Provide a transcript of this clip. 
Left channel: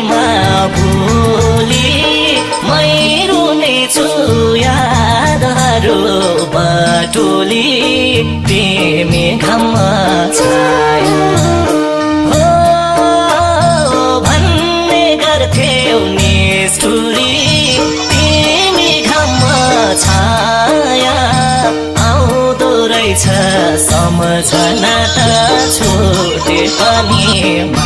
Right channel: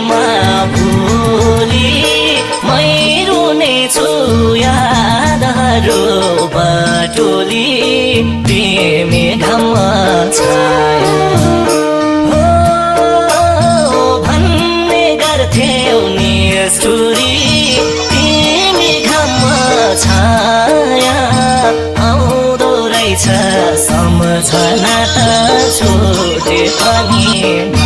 तिमीमा भुली मै रुनेछु यादहरू बटुली तिमी घममा छाया भन्ने गर्थ्यौ निष्ठुरी तिमी घममा छाया आउँदो रहेछ सम्झना त छुटे पनि